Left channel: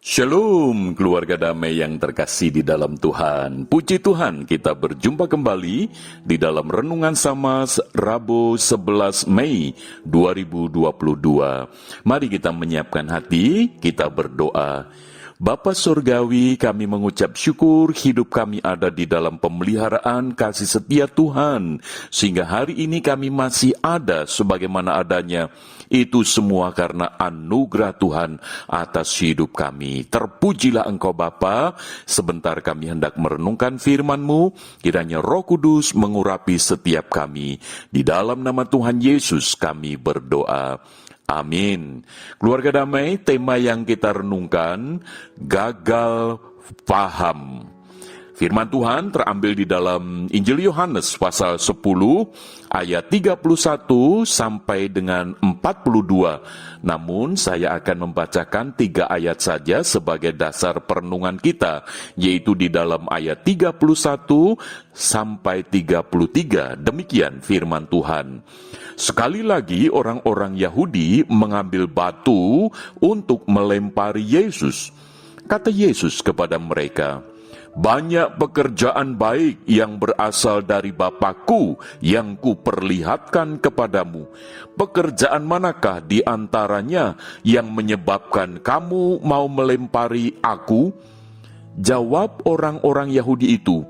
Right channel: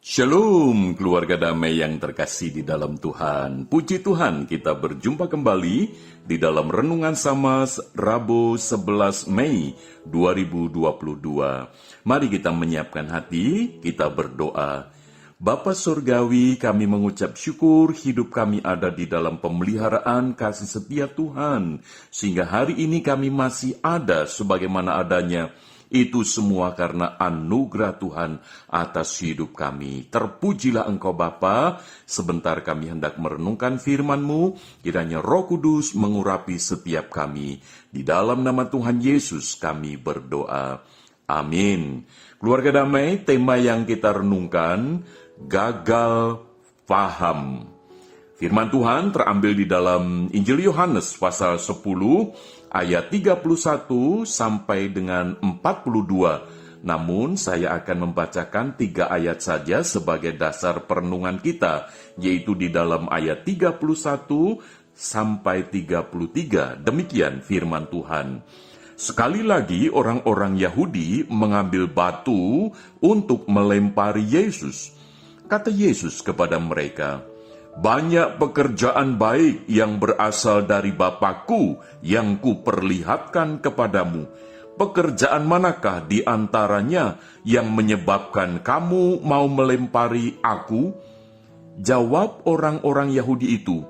Shalom keluarga damai yang terkasih di dalam Tuhan. Puji Tuhan, kita berjumpa kembali di dalam Renungan Samas Rabu 11 Mei 2022. Mari kita menyiapkan hati, kita berdoa. Bapa Surgawi, kami mengucap syukur hidup kami ada di dalam pemeliharaan kasih setia Tuhan, sehingga hari ini kami masih ada sebagaimana adanya. Itu semua karena anugerah Tuhan atas hidup kami. Terpujilah Engkau Bapa. Sebentar kami hendak merenungkan firman-Mu, kiranya Roh Kudus mengurapi setiap kami. Di dalam nama Tuhan Yesus kami berdoa. Amin. Keluarga damai, tema yang kita renungkan, gagal paham. Firman Tuhan terambil di dalam Injil Yohanes pasal 10 ayat 31 sampai dengan 42. Namun saya akan membacakan 3 ayat saja sebagai dasar perenungan kita, yaitu di dalam ayat 31 sampai 33. Demikian firman Tuhan. Sekali lagi orang-orang Yahudi mengambil batu untuk melempari Yesus. Kata Yesus kepada mereka, "Banyak pekerjaan baik yang berasal dari Bapakku yang kuperlihatkan kepadamu. Pekerjaan manakah di antaranya yang menyebabkan kamu mau melempari aku?" Jawab orang-orang Yahudi itu,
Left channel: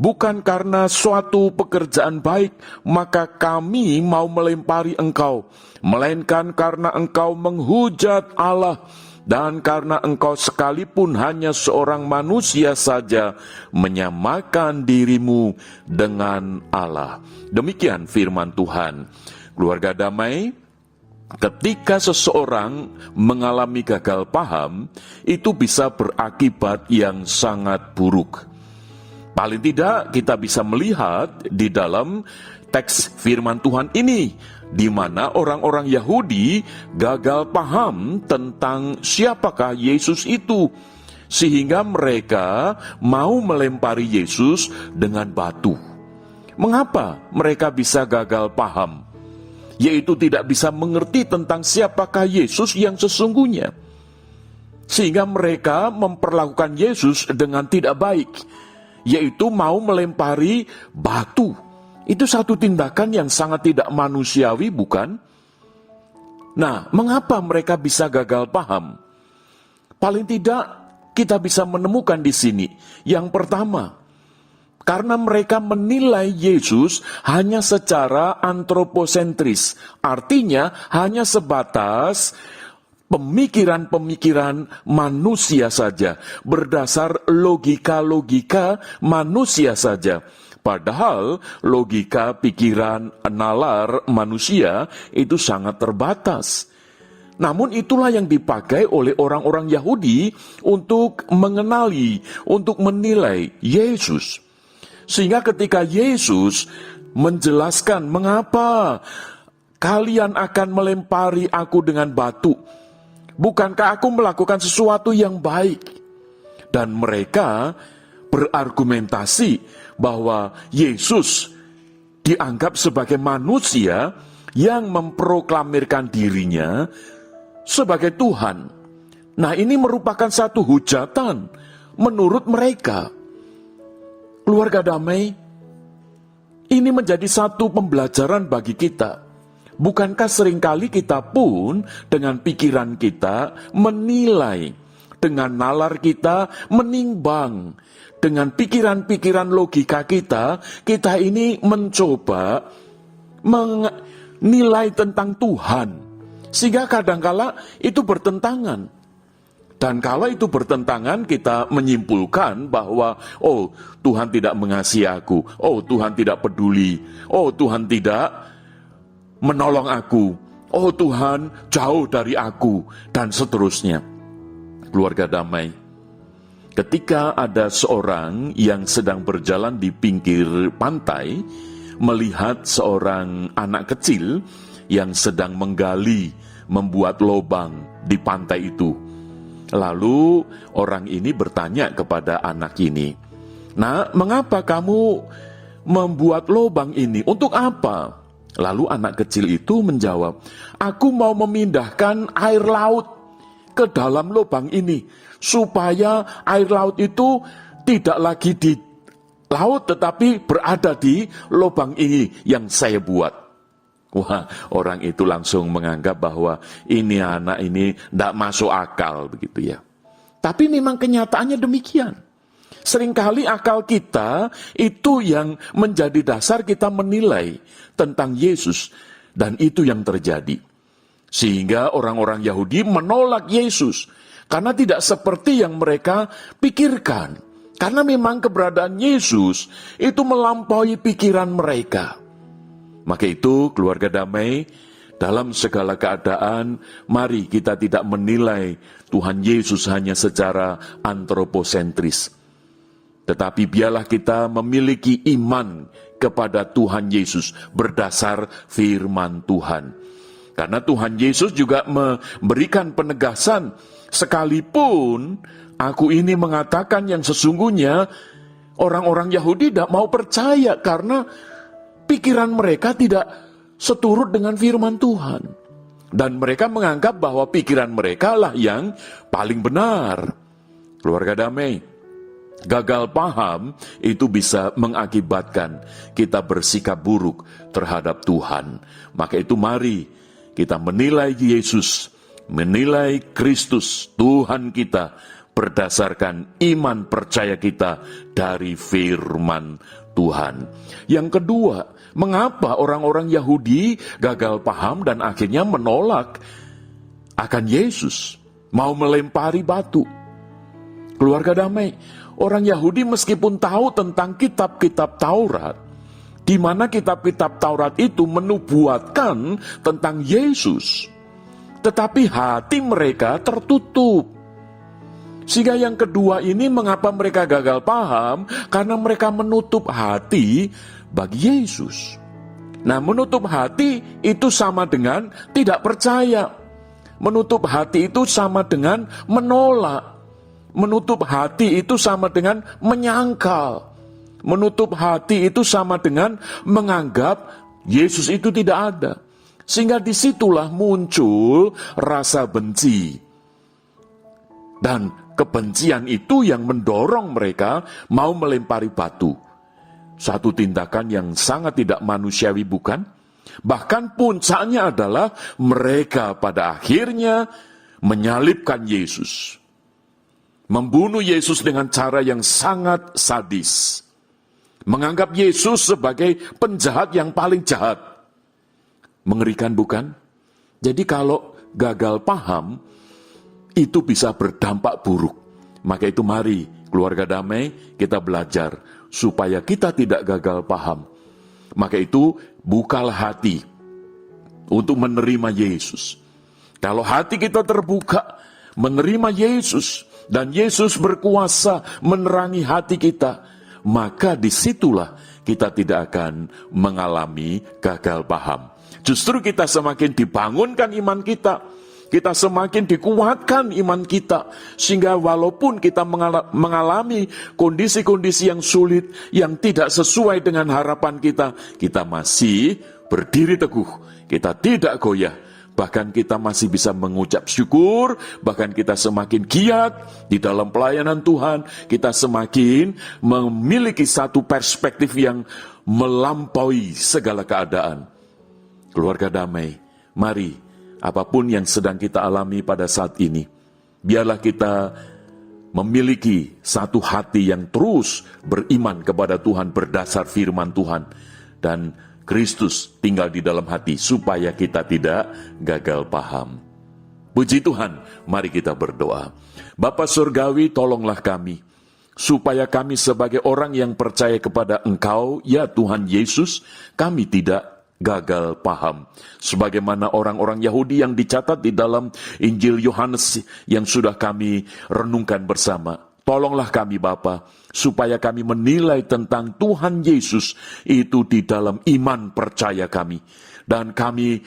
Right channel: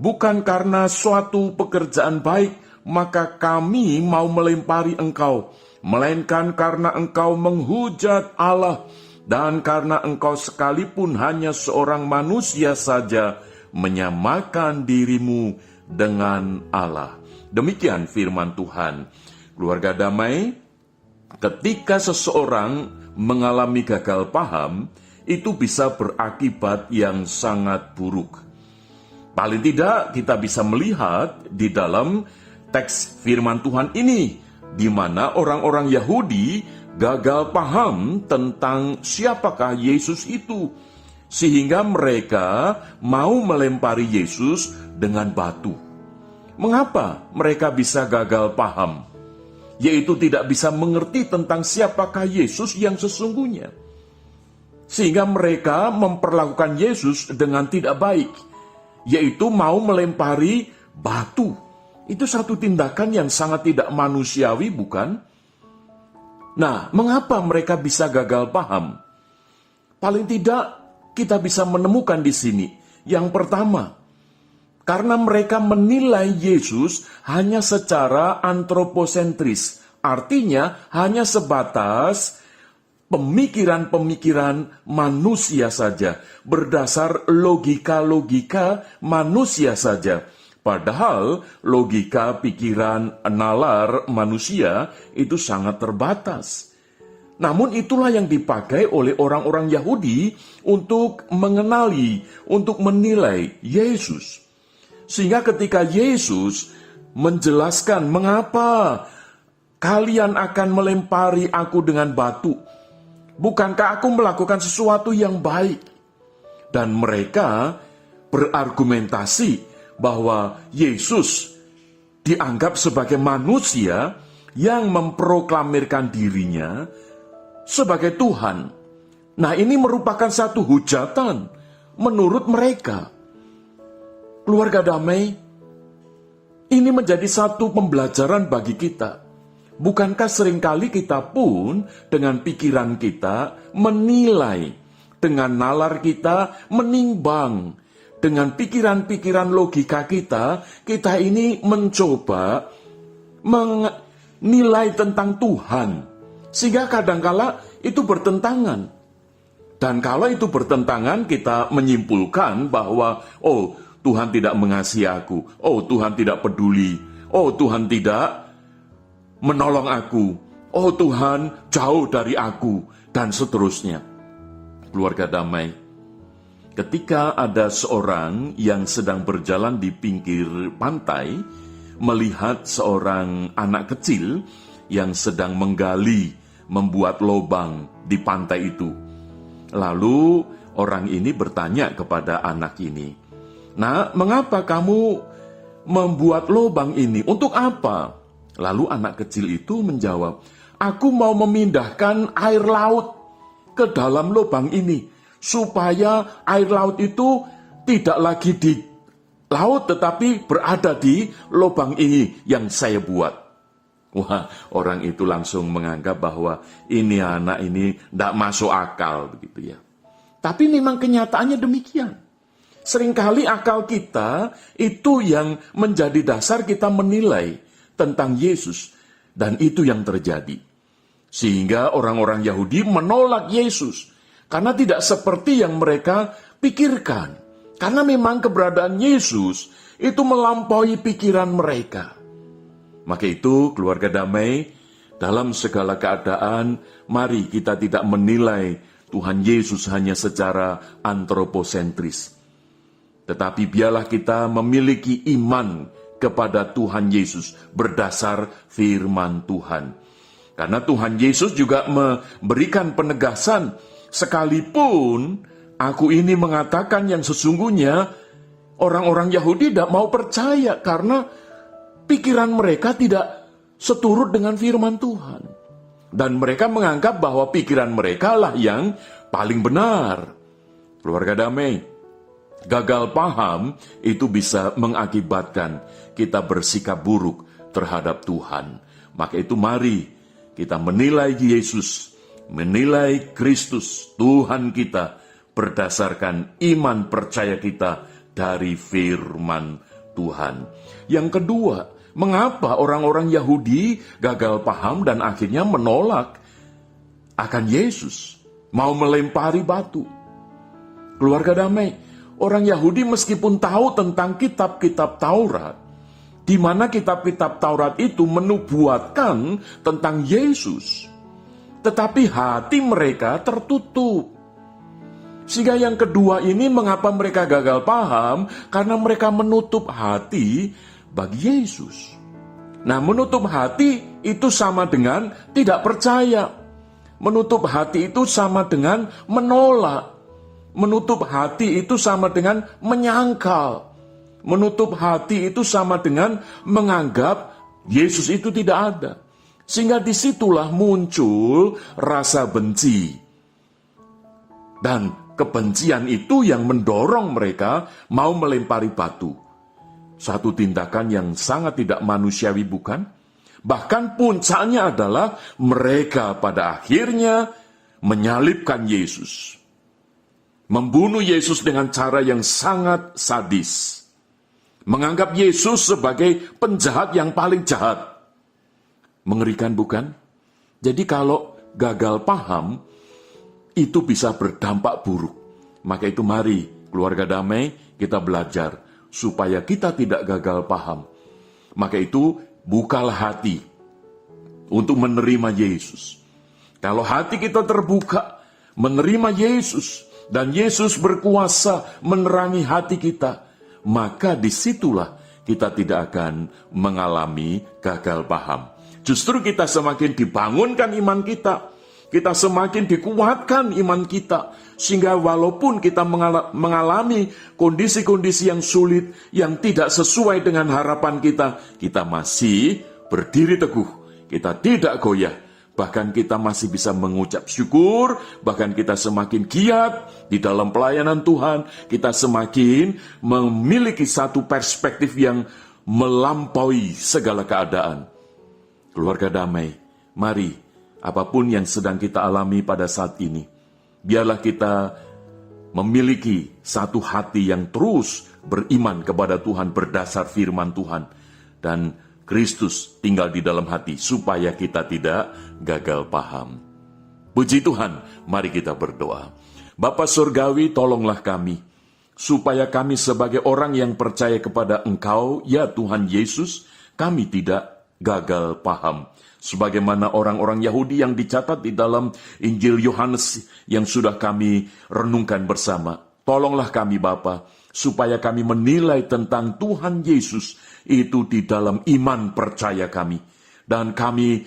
"Bukan karena suatu pekerjaan baik, maka kami mau melempari engkau, melainkan karena engkau menghujat Allah, dan karena engkau sekalipun hanya seorang manusia saja, menyamakan dirimu dengan Allah." Demikian firman Tuhan. Keluarga damai, ketika seseorang mengalami gagal paham, itu bisa berakibat yang sangat buruk. Paling tidak kita bisa melihat di dalam teks firman Tuhan ini, di mana orang-orang Yahudi gagal paham tentang siapakah Yesus itu, sehingga mereka mau melempari Yesus dengan batu. Mengapa mereka bisa gagal paham? Yaitu tidak bisa mengerti tentang siapakah Yesus yang sesungguhnya, sehingga mereka memperlakukan Yesus dengan tidak baik, yaitu mau melempari batu. Itu satu tindakan yang sangat tidak manusiawi, bukan? Nah, mengapa mereka bisa gagal paham? Paling tidak kita bisa menemukan di sini. Yang pertama, karena mereka menilai Yesus hanya secara antroposentris. Artinya hanya sebatas pemikiran-pemikiran manusia saja, berdasar logika-logika manusia saja. Padahal logika pikiran nalar manusia itu sangat terbatas. Namun itulah yang dipakai oleh orang-orang Yahudi untuk mengenali, untuk menilai Yesus. Sehingga ketika Yesus menjelaskan mengapa kalian akan melempari aku dengan batu, bukankah aku melakukan sesuatu yang baik? Dan mereka berargumentasi bahwa Yesus dianggap sebagai manusia yang memproklamirkan dirinya sebagai Tuhan. Nah, ini merupakan satu hujatan menurut mereka. Keluarga damai, ini menjadi satu pembelajaran bagi kita. Bukankah seringkali kita pun dengan pikiran kita menilai, dengan nalar kita menimbang, dengan pikiran-pikiran logika kita ini mencoba menilai tentang Tuhan. Sehingga kadangkala itu bertentangan. Dan kalau itu bertentangan, kita menyimpulkan bahwa, oh, Tuhan tidak mengasihi aku, oh, Tuhan tidak peduli, oh, Tuhan tidak menolong aku, oh, Tuhan jauh dari aku, dan seterusnya. Keluarga damai, ketika ada seorang yang sedang berjalan di pinggir pantai, melihat seorang anak kecil yang sedang menggali, membuat lubang di pantai itu. Lalu orang ini bertanya kepada anak ini, "Nah, mengapa kamu membuat lubang ini? Untuk apa?" Lalu anak kecil itu menjawab, "Aku mau memindahkan air laut ke dalam lubang ini, supaya air laut itu tidak lagi di laut tetapi berada di lubang ini yang saya buat. Wah, orang itu langsung menganggap bahwa ini anak ini tidak masuk akal begitu ya. Tapi memang kenyataannya demikian. Seringkali akal kita itu yang menjadi dasar kita menilai tentang Yesus. Dan itu yang terjadi. Sehingga orang-orang Yahudi menolak Yesus. Karena tidak seperti yang mereka pikirkan. Karena memang keberadaan Yesus itu melampaui pikiran mereka. Maka itu, keluarga damai, dalam segala keadaan, mari kita tidak menilai Tuhan Yesus hanya secara antroposentris. Tetapi biarlah kita memiliki iman kepada Tuhan Yesus berdasar firman Tuhan. Karena Tuhan Yesus juga memberikan penegasan, sekalipun aku ini mengatakan yang sesungguhnya, orang-orang Yahudi tidak mau percaya karena pikiran mereka tidak seturut dengan firman Tuhan. Dan mereka menganggap bahwa pikiran mereka lah yang paling benar. Keluarga damai, gagal paham itu bisa mengakibatkan kita bersikap buruk terhadap Tuhan. Maka itu mari kita menilai Yesus, menilai Kristus, Tuhan kita, berdasarkan iman percaya kita dari firman Tuhan. Yang kedua, mengapa orang-orang Yahudi gagal paham dan akhirnya menolak akan Yesus, mau melempari batu? Keluarga damai, orang Yahudi meskipun tahu tentang kitab-kitab Taurat, di mana kitab-kitab Taurat itu menubuatkan tentang Yesus, tetapi hati mereka tertutup. Sehingga yang kedua ini mengapa mereka gagal paham? Karena mereka menutup hati bagi Yesus. Nah, menutup hati itu sama dengan tidak percaya. Menutup hati itu sama dengan menolak. Menutup hati itu sama dengan menyangkal. Menutup hati itu sama dengan menganggap Yesus itu tidak ada. Sehingga disitulah muncul rasa benci. Dan kebencian itu yang mendorong mereka mau melempari batu. Satu tindakan yang sangat tidak manusiawi, bukan? Bahkan puncaknya adalah mereka pada akhirnya menyalibkan Yesus. Membunuh Yesus dengan cara yang sangat sadis. Menganggap Yesus sebagai penjahat yang paling jahat. Mengerikan, bukan? Jadi kalau gagal paham, itu bisa berdampak buruk. Maka itu mari, keluarga damai, kita belajar supaya kita tidak gagal paham. Maka itu bukalah hati untuk menerima Yesus. Kalau hati kita terbuka, menerima Yesus, dan Yesus berkuasa menerangi hati kita, maka disitulah kita tidak akan mengalami gagal paham. Justru kita semakin dibangunkan iman kita. Kita semakin dikuatkan iman kita. Sehingga walaupun kita mengalami kondisi-kondisi yang sulit, yang tidak sesuai dengan harapan kita, kita masih berdiri teguh. Kita tidak goyah. Bahkan kita masih bisa mengucap syukur. Bahkan kita semakin giat di dalam pelayanan Tuhan. Kita semakin memiliki satu perspektif yang melampaui segala keadaan. Keluarga damai, mari, apapun yang sedang kita alami pada saat ini, biarlah kita memiliki satu hati yang terus beriman kepada Tuhan berdasar firman Tuhan. Dan Kristus tinggal di dalam hati supaya kita tidak gagal paham. Puji Tuhan, mari kita berdoa. Bapa Surgawi, tolonglah kami, supaya kami sebagai orang yang percaya kepada Engkau, ya Tuhan Yesus, kami tidak gagal paham. Sebagaimana orang-orang Yahudi yang dicatat di dalam Injil Yohanes yang sudah kami renungkan bersama. Tolonglah kami Bapa, supaya kami menilai tentang Tuhan Yesus itu di dalam iman percaya kami. Dan kami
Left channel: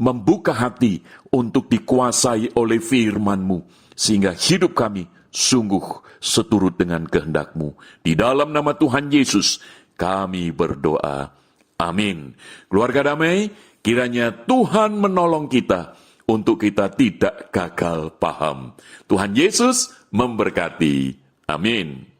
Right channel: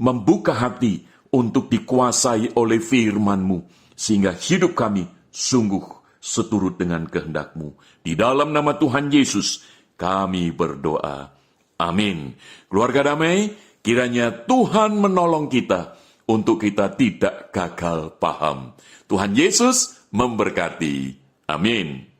membuka hati untuk dikuasai oleh firman-Mu, sehingga hidup kami sungguh seturut dengan kehendak-Mu. Di dalam nama Tuhan Yesus kami berdoa. Amin. Keluarga damai, kiranya Tuhan menolong kita untuk kita tidak gagal paham. Tuhan Yesus memberkati. Amin.